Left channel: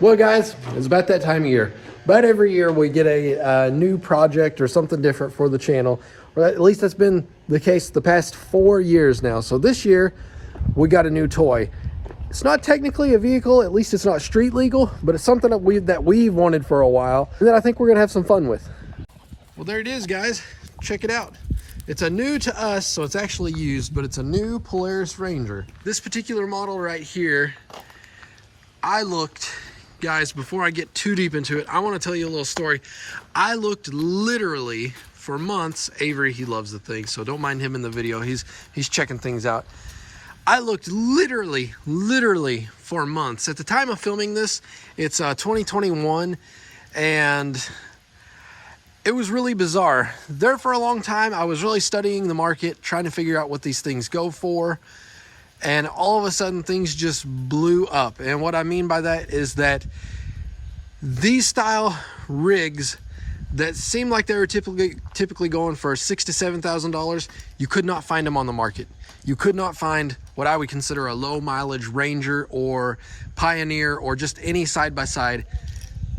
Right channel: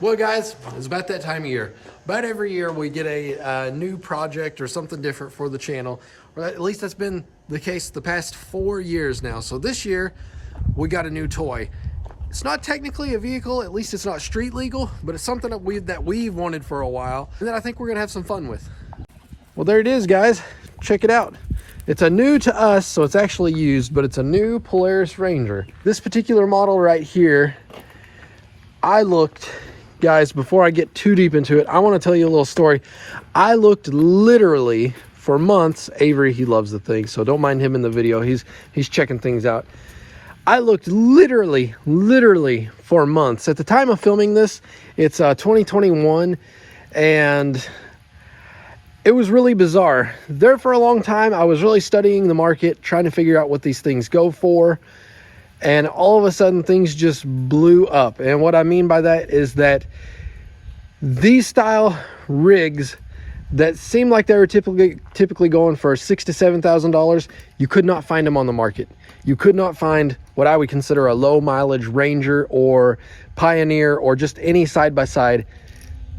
Well, guys, it's about that time of year. About every year we get a new project or something different for the channel. Or at least that's been the case the past 4 years now. So this year we got a new toy. It's not technically a vehicle, at least it's not street legal, but it's something that we've wanted for a while and that I think we're gonna have some fun with. Well, there it is, guys. Check it out. It's a new to us, so it's actually used, but it's a new Polaris Ranger. This particular model right here, I looked, guys, before I get too deep into it, I want to tell you a little story. I looked literally for months. Avery, he loves the thing, so don't mind him in the video. He's checking things out. I looked literally for months. At the time of filming this, it's 2021, and it was really bizarre. There for a long time, I was really studying the market, trying to figure out what these things go for. And all of a sudden, things just blew up. And what I mean by that is that these style rigs that seem like they were typically going for $6,000 to $7,000, you could not find them on the market. You could not find what I would consider a low mileage Ranger or Pioneer or just any side-by-side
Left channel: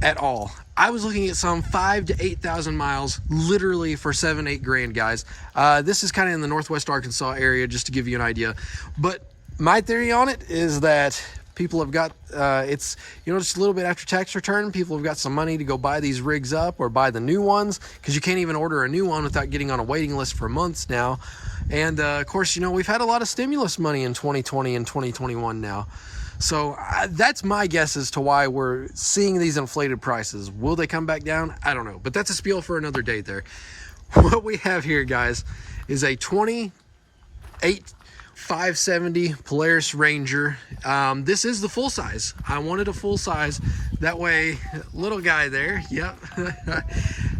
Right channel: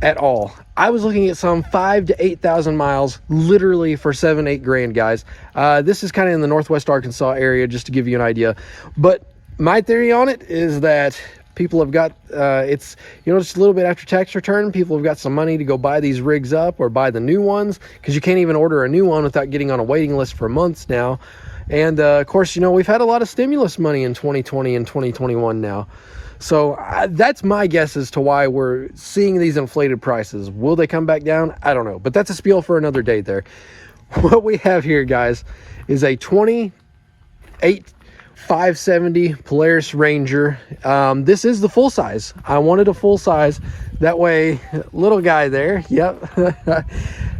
at all. I was looking at some 5,000 to 8,000 miles, literally for 7-8 grand, guys. This is kind of in the Northwest Arkansas area, just to give you an idea. But my theory on it is that people have got, it's just a little bit after tax return. People have got some money to go buy these rigs up or buy the new ones, because you can't even order a new one without getting on a waiting list for months now. And of course, we've had a lot of stimulus money in 2020 and 2021 now. So that's my guess as to why we're seeing these inflated prices. Will they come back down? I don't know, but that's a spiel for another day there. What we have here, guys, is a 570 Polaris Ranger. This is the full size. I wanted a full size. That way, little guy there, yep,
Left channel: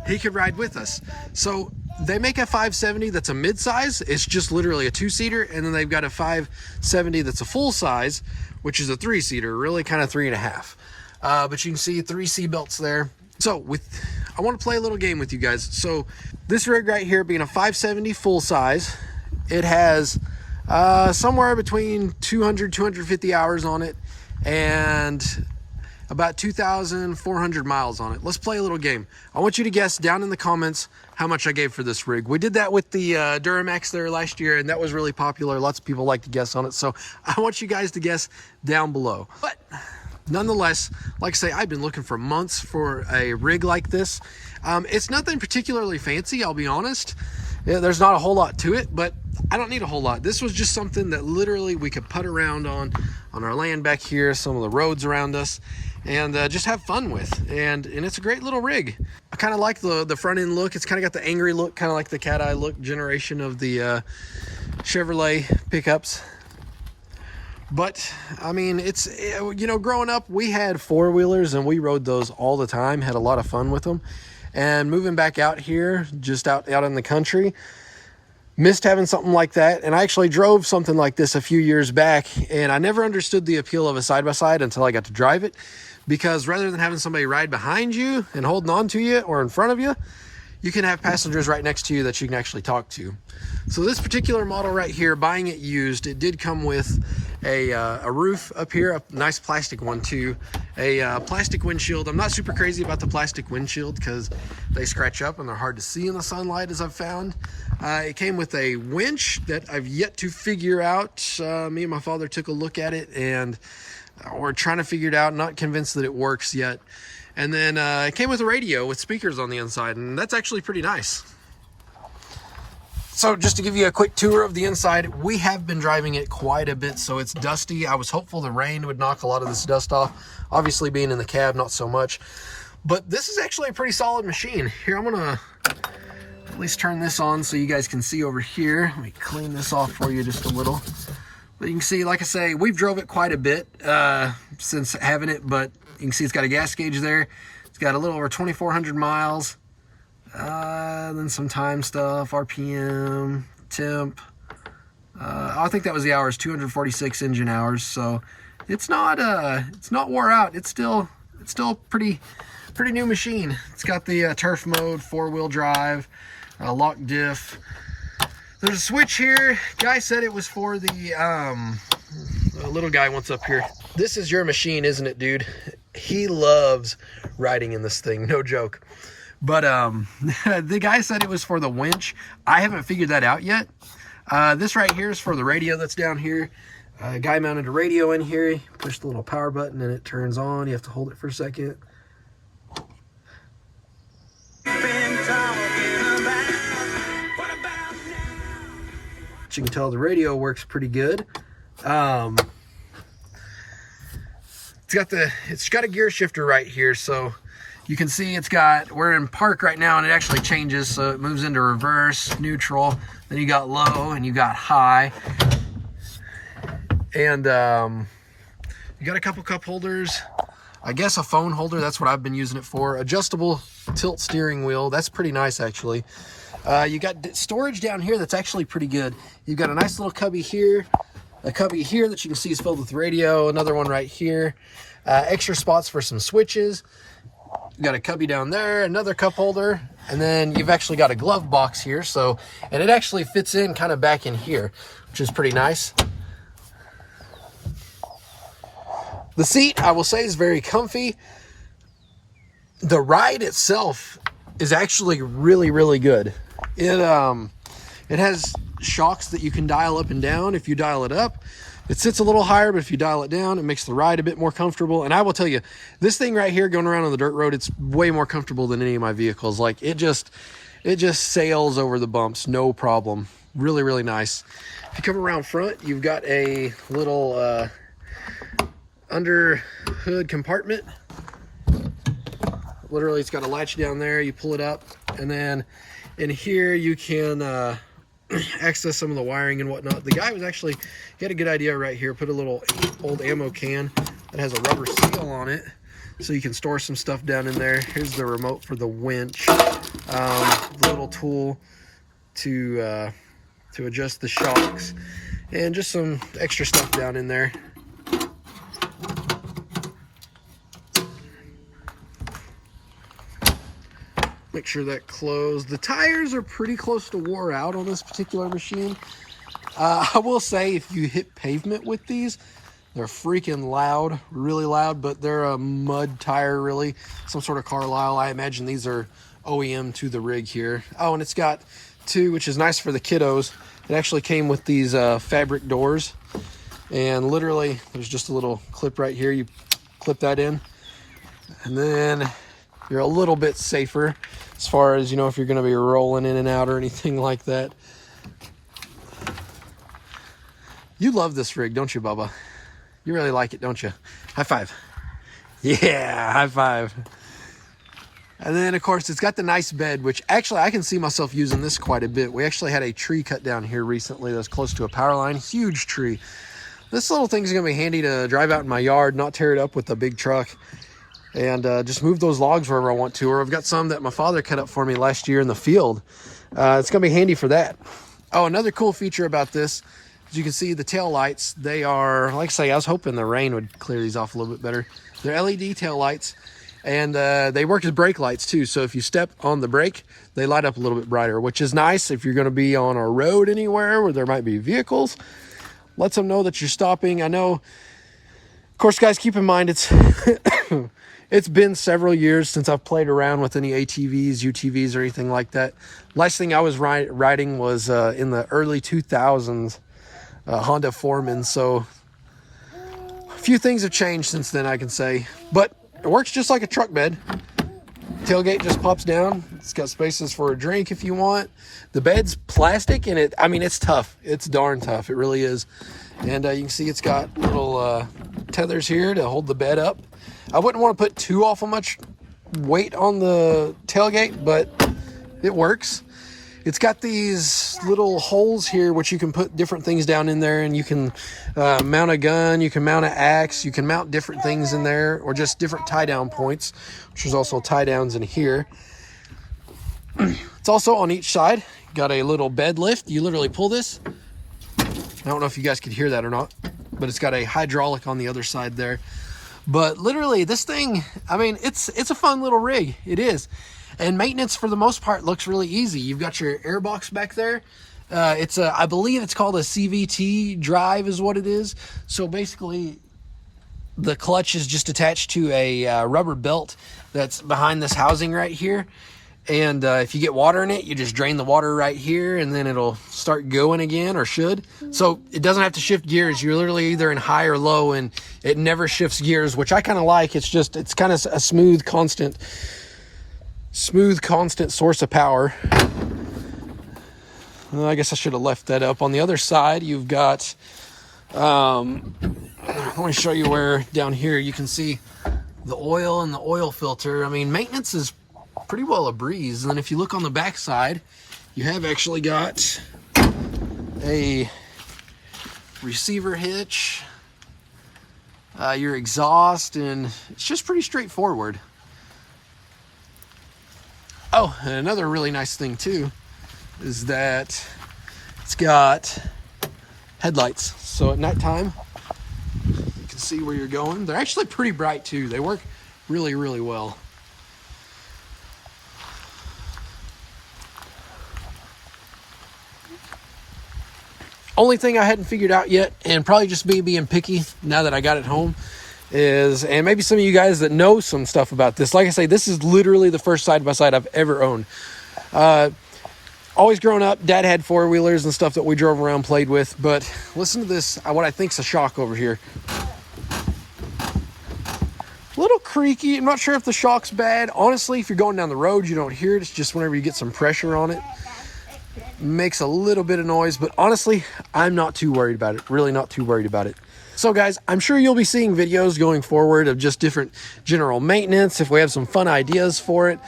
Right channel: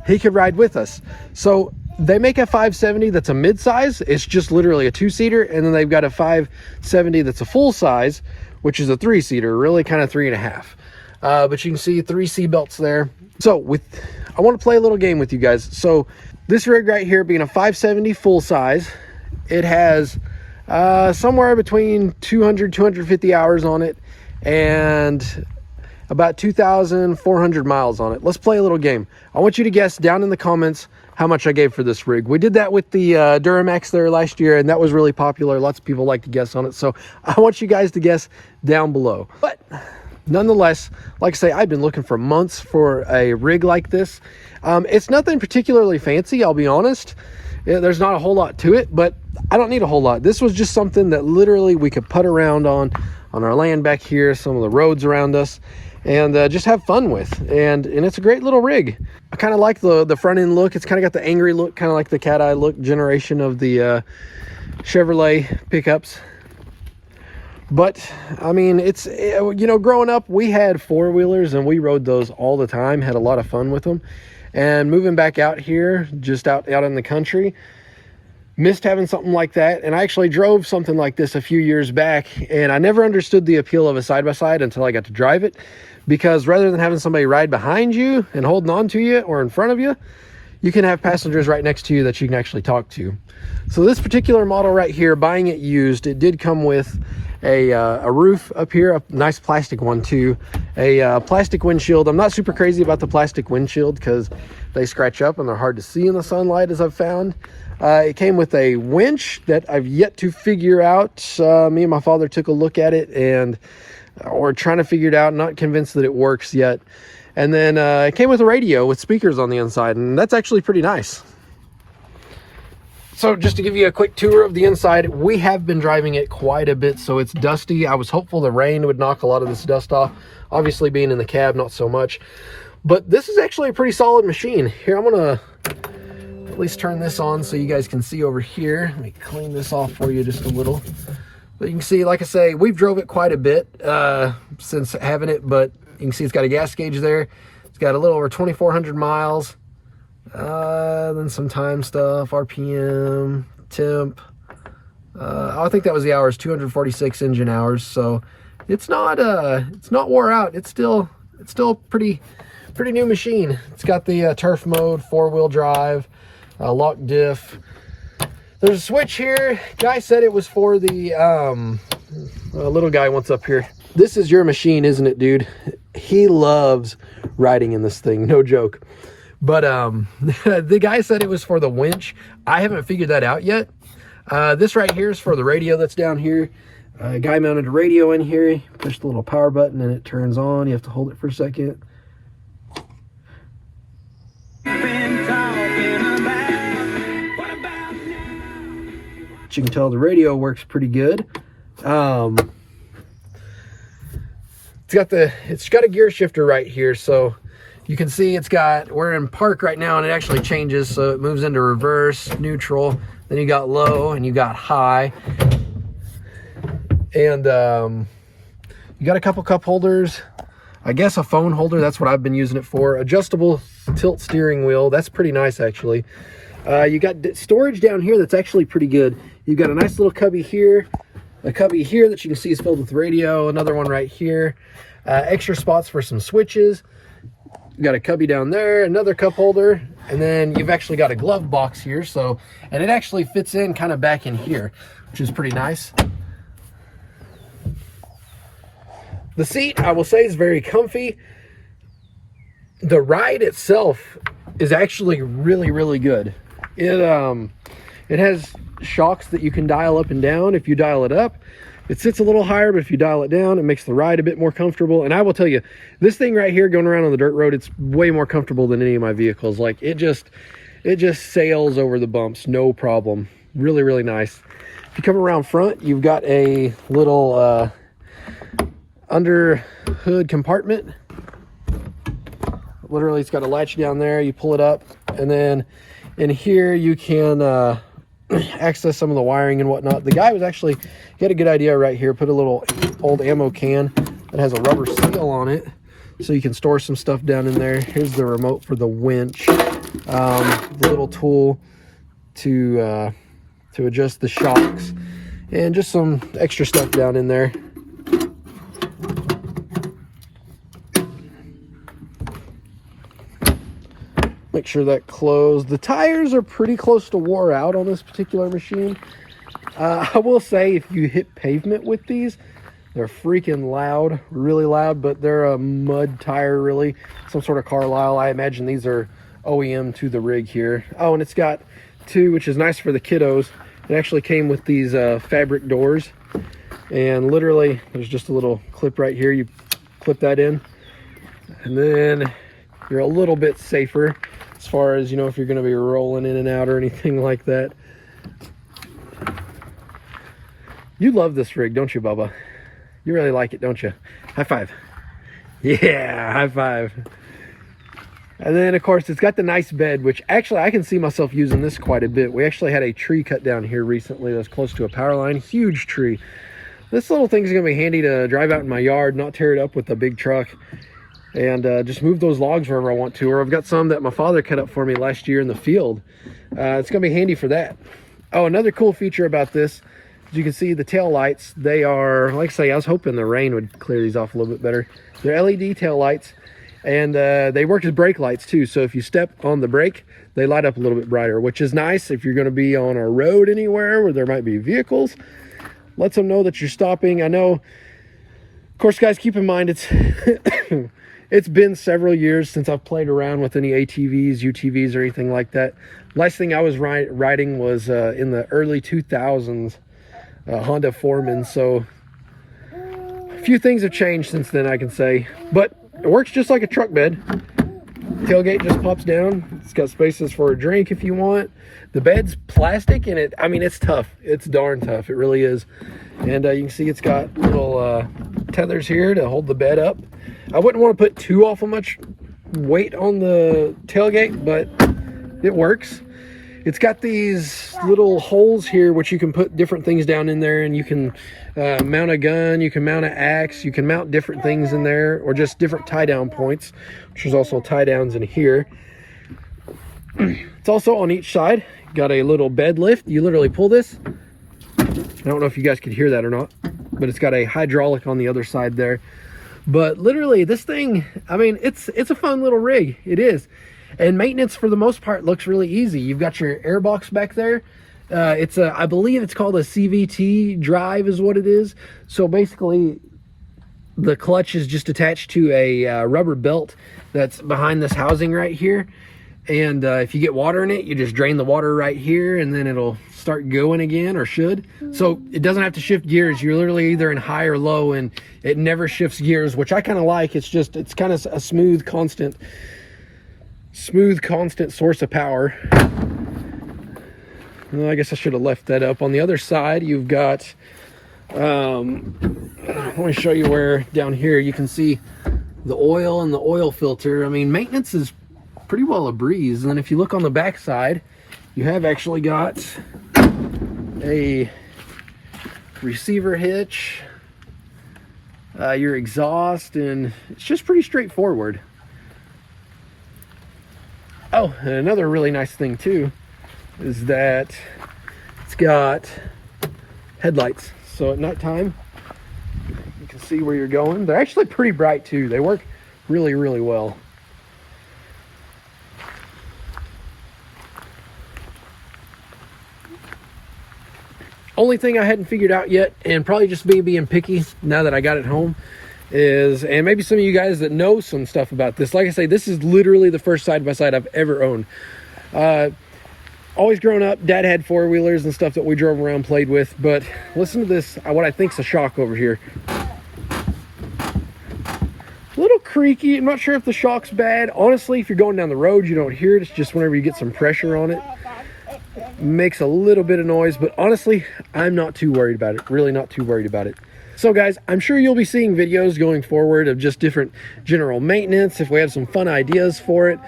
he could ride with us. So they make a 570 that's a mid-size. It's just literally a 2-seater. And then they've got a 570 that's a full size, which is a 3-seater, really kind of 3.5. But you can see 3 seat belts there. So I want to play a little game with you guys. So this rig right here being a 570 full size, it has somewhere between 200, 250 hours on it and about 2,400 miles on it. Let's play a little game. I want you to guess down in the comments how much I gave for this rig. We did that with the Duramax there last year, and that was really popular. Lots of people like to guess on it. So I want you guys to guess down below. But nonetheless, like I say, I've been looking for months for a rig like this. It's nothing particularly fancy, I'll be honest. There's not a whole lot to it, but I don't need a whole lot. This was just something that literally we could putt around on our land back here, some of the roads around us, and just have fun with. And it's a great little rig. I kind of like the front end look. It's kind of got the angry look, kind of like the cat eye look generation of the Chevrolet pickups. But I mean, it's, growing up, we had 4-wheelers and we rode those all the time, had a lot of fun with them. And moving back out here, just out in the country, missed having something like that. And I actually drove something like this a few years back, and I never understood the appeal of a side-by-side until I got to drive it, because rather than having somebody ride behind you and holding on to you or in front of you, you can have passengers right next to you that you can actually talk to. So this particular model right here, buying it used, it did come with a roof up here, a nice plastic one too, a plastic windshield. I'm not super crazy about the plastic windshield because they scratch up and they're hard to see in the sunlight, as I've found. It came with a winch that I've yet to figure out. Me and my father took a look at it and we're trying to figure it out, not convinced that it works yet. And then it came with a radio with speakers on the inside, and that's actually pretty nice. So just to give you a quick tour of the inside, we have been driving it quite a bit, so it's dusty. I was hopeful the rain would knock a lot of this dust off. Obviously, being in the cab, not so much. But this is actually a pretty solid machine. Here, I'm gonna at least turn this on so you guys can see over here. Let me clean this off for you just a little. But you can see, like I say, we've drove it quite a bit since having it, but you can see it's got a gas gauge there. It's got a little over 2,400 miles. Then some time stuff, RPM, temp. I think that was the hours, 246 engine hours. So it's not wore out. It's still pretty new machine. It's got the turf mode, 4-wheel drive, lock diff. There's a switch here. Guy said it was for the little guy once up here. This is your machine, isn't it, dude? He loves riding in this thing, no joke. But the guy said it was for the winch. I haven't figured that out yet. This right here is for the radio that's down here. Guy mounted a radio in here. Push the little power button and it turns on. You have to hold it for a second. You can tell the radio works pretty good. It's got a gear shifter right here, so you can see we're in park right now, and it actually changes, so it moves into reverse, neutral, then you got low and you got high. And you got a couple cup holders, I guess a phone holder, that's what I've been using it for. Adjustable tilt steering wheel, that's pretty nice actually. You got storage down here that's actually pretty good. You've got a nice little cubby here, a cubby here that you can see is filled with radio, another one right here, extra spots for some switches. You got a cubby down there, another cup holder, and then you've actually got a glove box here, and it actually fits in kind of back in here, which is pretty nice. The seat, I will say, is very comfy. The ride itself is actually really, really good. It has shocks that you can dial up and down. If you dial it up, it sits a little higher, but if you dial it down, it makes the ride a bit more comfortable. And I will tell you, this thing right here going around on the dirt road, it's way more comfortable than any of my vehicles. Like it just sails over the bumps, no problem. Really, really nice. If you come around front, you've got a little under hood compartment. Literally, it's got a latch down there. You pull it up, and then in here you can access some of the wiring and whatnot. The guy he had a good idea right here. Put a little old ammo can that has a rubber seal on it, so you can store some stuff down in there. Here's the remote for the winch, the little tool to adjust the shocks, and just some extra stuff down in there. Make sure that closed. The tires are pretty close to wore out on this particular machine. I will say, if you hit pavement with these, they're freaking loud, really loud, but they're a mud tire, really. Some sort of Carlisle. I imagine these are OEM to the rig here. Oh, and it's got two, which is nice for the kiddos. It actually came with these fabric doors. And literally, there's just a little clip right here. You clip that in. And then you're a little bit safer as far as, if you're going to be rolling in and out or anything like that. You love this rig, don't you, Bubba? You really like it, don't you? High five. Yeah, high five. And then, of course, it's got the nice bed, which actually I can see myself using this quite a bit. We actually had a tree cut down here recently that's close to a power line. Huge tree. This little thing's going to be handy to drive out in my yard, not tear it up with a big truck, and just move those logs wherever I want to. Or I've got some that my father cut up for me last year in the field. It's going to be handy for that. Oh, another cool feature about this, as you can see, the tail lights, they are, like I say, I was hoping the rain would clear these off a little bit better. They're LED tail lights, and they work as brake lights too. So if you step on the brake, they light up a little bit brighter, which is nice if you're going to be on a road anywhere where there might be vehicles. Lets them know that you're stopping. I know, of course, guys, keep in mind it's it's been several years since I've played around with any ATVs, UTVs, or anything like that. Last thing I was riding was in the early 2000s, Honda Foreman. So a few things have changed since then, I can say. But it works just like a truck bed. Tailgate just pops down. It's got spaces for a drink if you want. The bed's plastic, and it's tough. It's darn tough. It really is. And you can see it's got little tethers here to hold the bed up. I wouldn't want to put too awful much weight on the tailgate, but it works. It's got these little holes here, which you can put different things down in there, and you can mount a gun, you can mount an axe, you can mount different things in there, or just different tie down points, which is also tie downs in here. It's also on each side. Got a little bed lift. You literally pull this. I don't know if you guys could hear that or not, but it's got a hydraulic on the other side there. But literally, this thing, it's a fun little rig. It is. And maintenance, for the most part, looks really easy. You've got your air box back there. I believe it's called a CVT drive is what it is. So basically, The clutch is just attached to a rubber belt that's behind this housing right here. And if you get water in it, you just drain the water right here and then it'll start going again, or should. So it doesn't have to shift gears. You're literally either in high or low and it never shifts gears, which I kind of like. It's kind of a smooth, constant source of power. Well, I guess I should have left that up. On the other side, you've got, let me show you where down here you can see the oil and the oil filter. I mean, maintenance is pretty well a breeze. And then if you look on the back side, you have actually got a receiver hitch, your exhaust, and it's just pretty straightforward. Oh, and another really nice thing too is that it's got headlights. So at nighttime, you can see where you're going. They're actually pretty bright too. They work really, really well. Only thing I hadn't figured out yet, and probably just me being picky now that I got it home, is, and maybe some of you guys that know some stuff about this, like I say, this is literally the first side-by-side I've ever owned. Always growing up, Dad had four-wheelers and stuff that we drove around, played with, but listen to this, what I think's a shock over here. A little creaky. I'm not sure if the shock's bad. Honestly, if you're going down the road, you don't hear it. It's just whenever you get some pressure on it. Makes a little bit of noise, but honestly, I'm not too worried about it. Really not too worried about it. So guys, I'm sure you'll be seeing videos going forward of just different general maintenance if we have some fun ideas for it.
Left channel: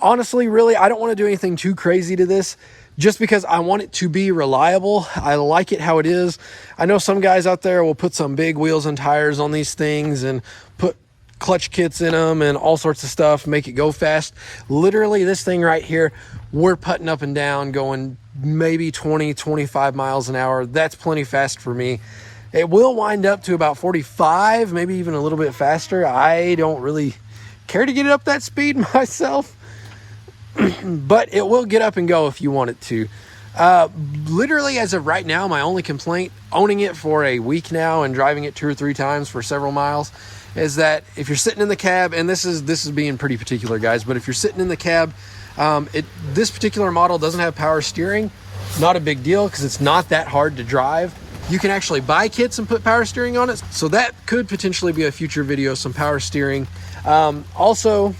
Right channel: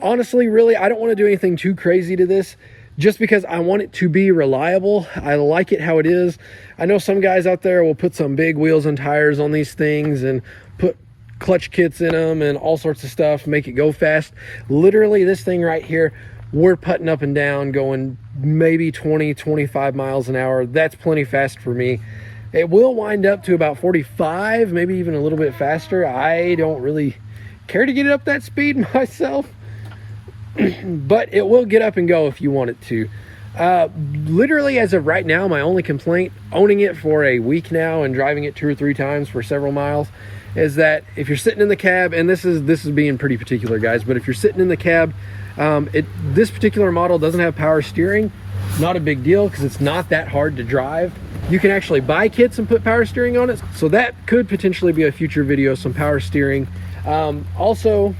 Honestly, really, I don't want to do anything too crazy to this just because I want it to be reliable. I like it how it is. I know some guys out there will put some big wheels and tires on these things and put clutch kits in them and all sorts of stuff, make it go fast. Literally, this thing right here, we're putting up and down, going maybe 20, 25 miles an hour. That's plenty fast for me. It will wind up to about 45, maybe even a little bit faster. I don't really care to get it up that speed myself, but it will get up and go if you want it to. Literally, as of right now, my only complaint, owning it for a week now and driving it 2 or 3 times for several miles, is that if you're sitting in the cab, and this is being pretty particular, guys, but if you're sitting in the cab, this particular model doesn't have power steering. Not a big deal because it's not that hard to drive. You can actually buy kits and put power steering on it, so that could potentially be a future video, some power steering. Also,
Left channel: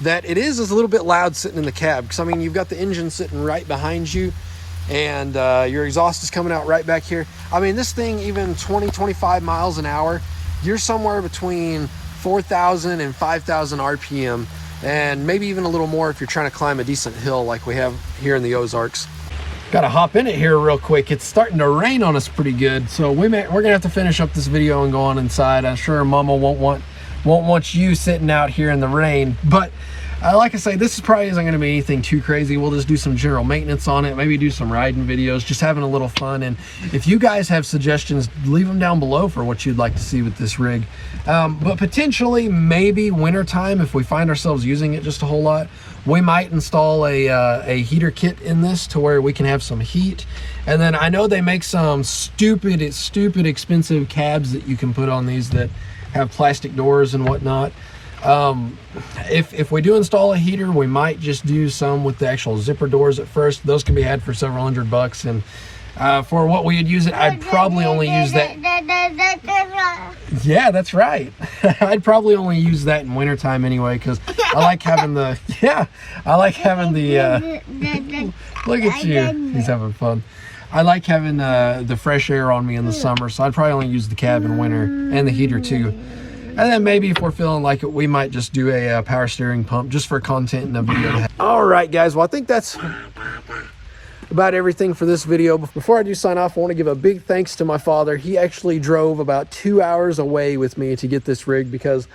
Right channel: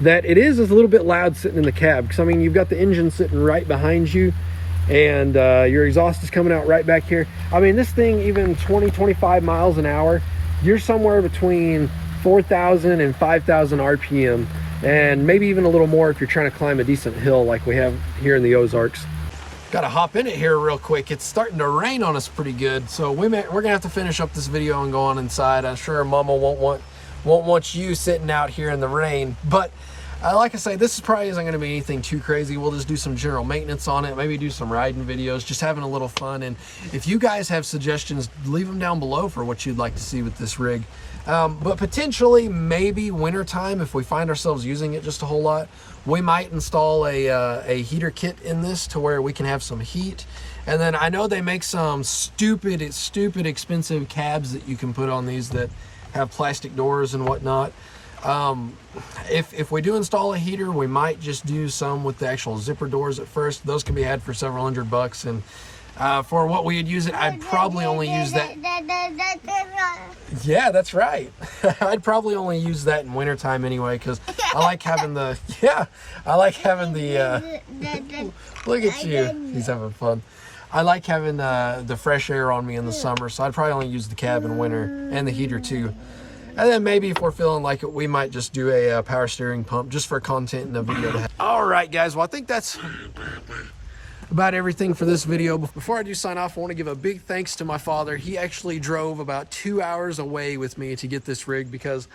that it is a little bit loud sitting in the cab, because I mean, you've got the engine sitting right behind you, and your exhaust is coming out right back here. I mean, this thing, even 20, 25 miles an hour, you're somewhere between 4,000 and 5,000 RPM, and maybe even a little more if you're trying to climb a decent hill like we have here in the Ozarks. Gotta hop in it here real quick. It's starting to rain on us pretty good, so we're gonna have to finish up this video and go on inside. I'm sure Mama won't want you sitting out here in the rain, but like I say, this probably isn't going to be anything too crazy. We'll just do some general maintenance on it, maybe do some riding videos, just having a little fun. And if you guys have suggestions, leave them down below for what you'd like to see with this rig. But potentially, maybe wintertime, if we find ourselves using it just a whole lot, we might install a heater kit in this to where we can have some heat. And then I know they make some stupid expensive cabs that you can put on these that have plastic doors and whatnot. If we do install a heater, we might just do some with the actual zipper doors at first. Those can be had for several $100, and for what we'd use it, I'd probably only use that. Yeah, that's right. I'd probably only use that in wintertime anyway, because I like having the look at you, he's having fun. I like having the fresh air on me in the summer, so I'd probably only use the cab in winter, and the heater too. And then maybe if we're feeling like it, we might just do a power steering pump just for content in a video to have. All right, guys. Well, I think that's about everything for this video. Before I do sign off, I want to give a big thanks to my father. He actually drove about 2 hours away with me to get this rig because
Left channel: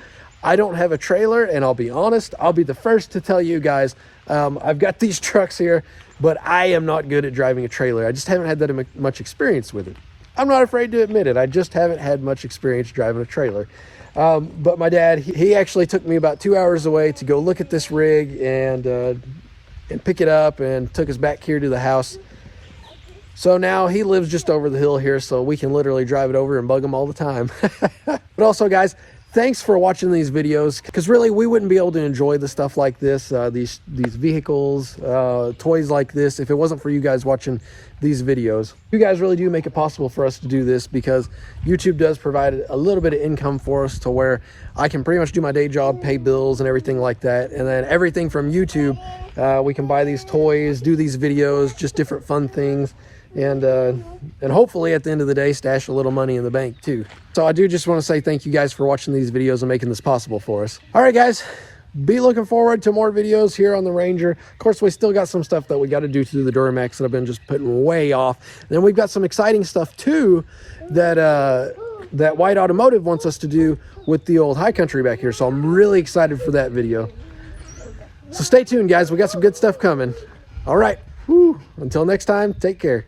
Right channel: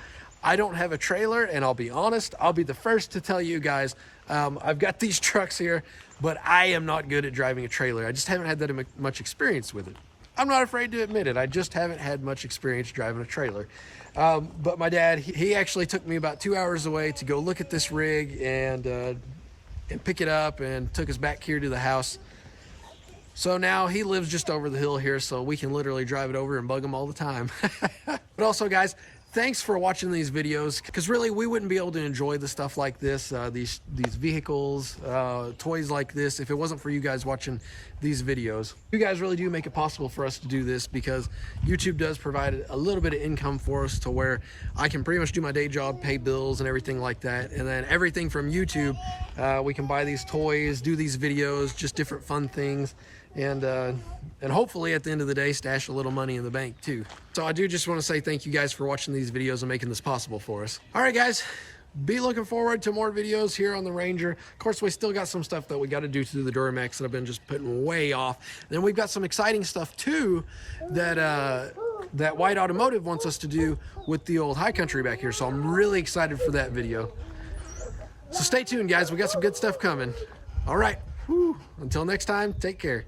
I don't have a trailer, and I'll be honest, I'll be the first to tell you guys, I've got these trucks here, but I am not good at driving a trailer. I just haven't had that much experience with it. I'm not afraid to admit it. I just haven't had much experience driving a trailer. But my dad, he actually took me about 2 hours away to go look at this rig and pick it up, and took us back here to the house. So now he lives just over the hill here, so we can literally drive it over and bug him all the time. But also, guys, thanks for watching these videos, because really we wouldn't be able to enjoy the stuff like this, these vehicles, toys like this, if it wasn't for you guys watching these videos. You guys really do make it possible for us to do this, because YouTube does provide a little bit of income for us to where I can pretty much do my day job, pay bills and everything like that. And then everything from YouTube, we can buy these toys, do these videos, just different fun things. And hopefully at the end of the day, stash a little money in the bank too. So I do just want to say thank you guys for watching these videos and making this possible for us. All right, guys, be looking forward to more videos here on the Ranger. Of course, we still got some stuff that we got to do to the Duramax that I've been just putting way off. And then we've got some exciting stuff too that that White Automotive wants us to do with the old High Country back here. So I'm really excited for that video. So stay tuned, guys. We got some good stuff coming. All right. Whew. Until next time, take care.